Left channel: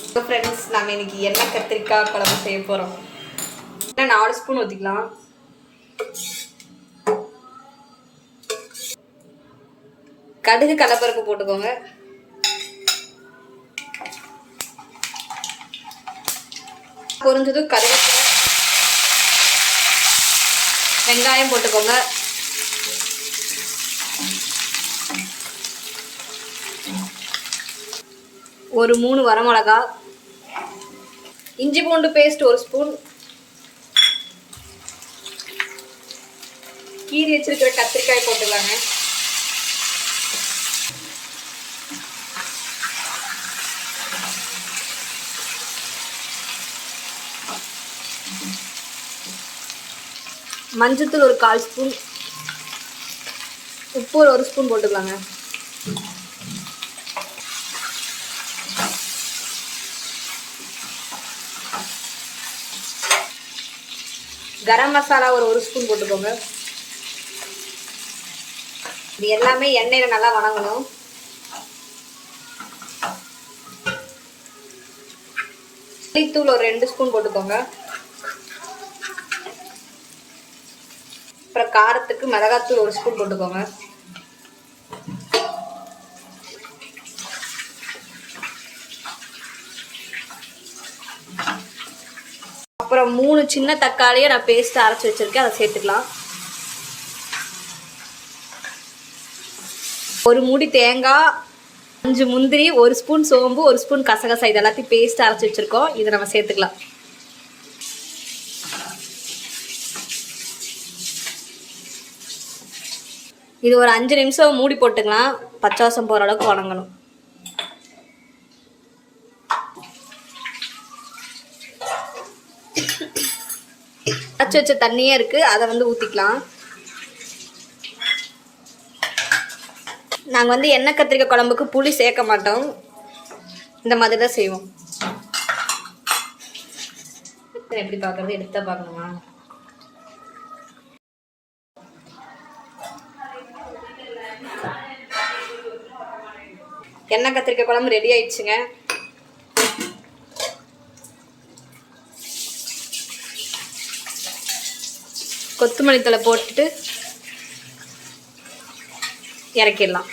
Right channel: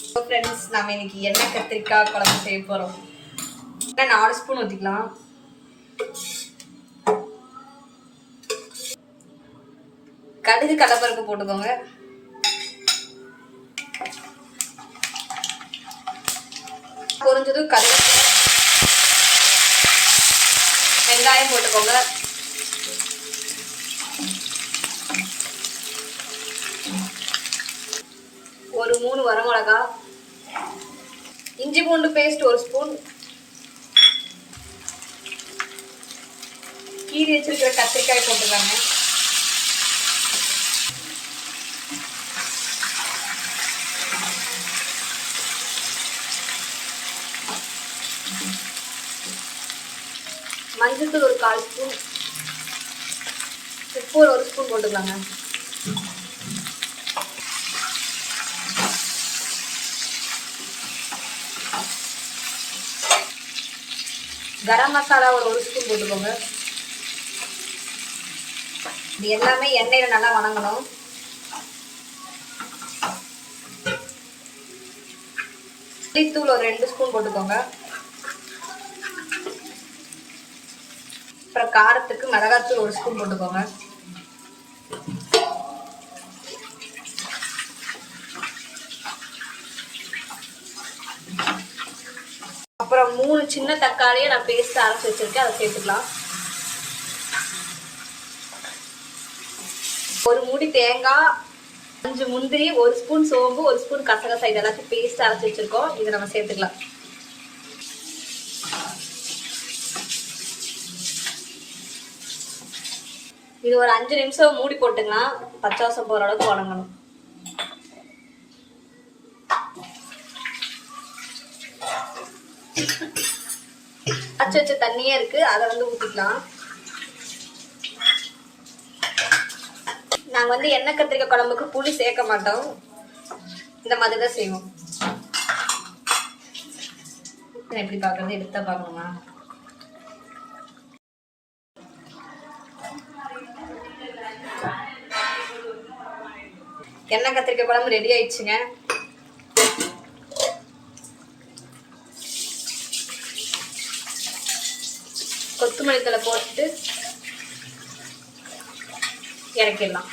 Friends, நம்ம இன்னைக்கு எண்ணெய் கத்திரிக்காய் குழம்பு செய்ய போகிறோம். 4 ஸ்பூன் ஊற்றிக்கலாம். கடுகு கடலைப்பருப்பு போட்டுக்கோங்க. பொரிஞ்சதும் கருவேப்பிலை, வெங்காயம் போட்டுக்கோங்க. ஒரு 3 வரமிளகா, இஞ்சி பூண்டு பேஸ்ட் 1 ஸ்பூன், கீரி வச்சிருக்கிற கத்திரிக்காய் போட்டுக்கோங்க. மஞ்சத்தூள் ஒரு 1/4 ஸ்பூன், உப்பு ஒரு 1 ஸ்பூன் போட்டுக்கலாங்க. கரம் மசாலா ஒரு 1 ஸ்பூன் போட்டுக்கோங்க. இது எல்லாமே எண்ணெயில நல்லா வணங்கணும். மல்லித்தூள் ஒரு 2 ஸ்பூன் போட்டுக்கோங்க. அப்புறம் காரத்துக்கு மிளகாத்தூள் 1 ஸ்பூன் போட்டுக்கோங்க. அப்புறம் 3 சின்ன தக்காளியை நான் பேஸ்ட் அரைச்சி வச்சிருக்கேன், அதை சேர்த்துக்கலாம். ஒரு மூடி தேங்காய், 5 முந்திரி, 1 ஸ்பூன் சோம்பு, 1 ஸ்பூன் கசகசா, இது எல்லாத்தையும் பேஸ்ட் அரைச்சி வச்சிருக்கோம். இதை நம்ம சேர்த்துக்கலாம். இது ஒரு 5 நிமிஷம் மூடி போட்டுக்கலாம். பச்சை வாசம் போகிற அளவுக்கு வணங்கணும். அரைச்சி வச்ச தண்ணியே இருக்கு, அதை வந்து ஊற்றிக்கலாம். நாங்கள் எண்ணெய் கத்திரிக்காய் குழம்புக்கு புளி சேர்க்க மாட்டோம், இந்த மாதிரி தான் செய்வோம். எப்படி பார்க்கறது, எடுத்தா பார்க்கணுமா? எண்ணெய் கத்திரிக்காய் குழம்பு ரெடி ஆயிடுச்சுங்க. கொத்தமல்லி தழை போட்டுட்டு இறக்கிடலாம்.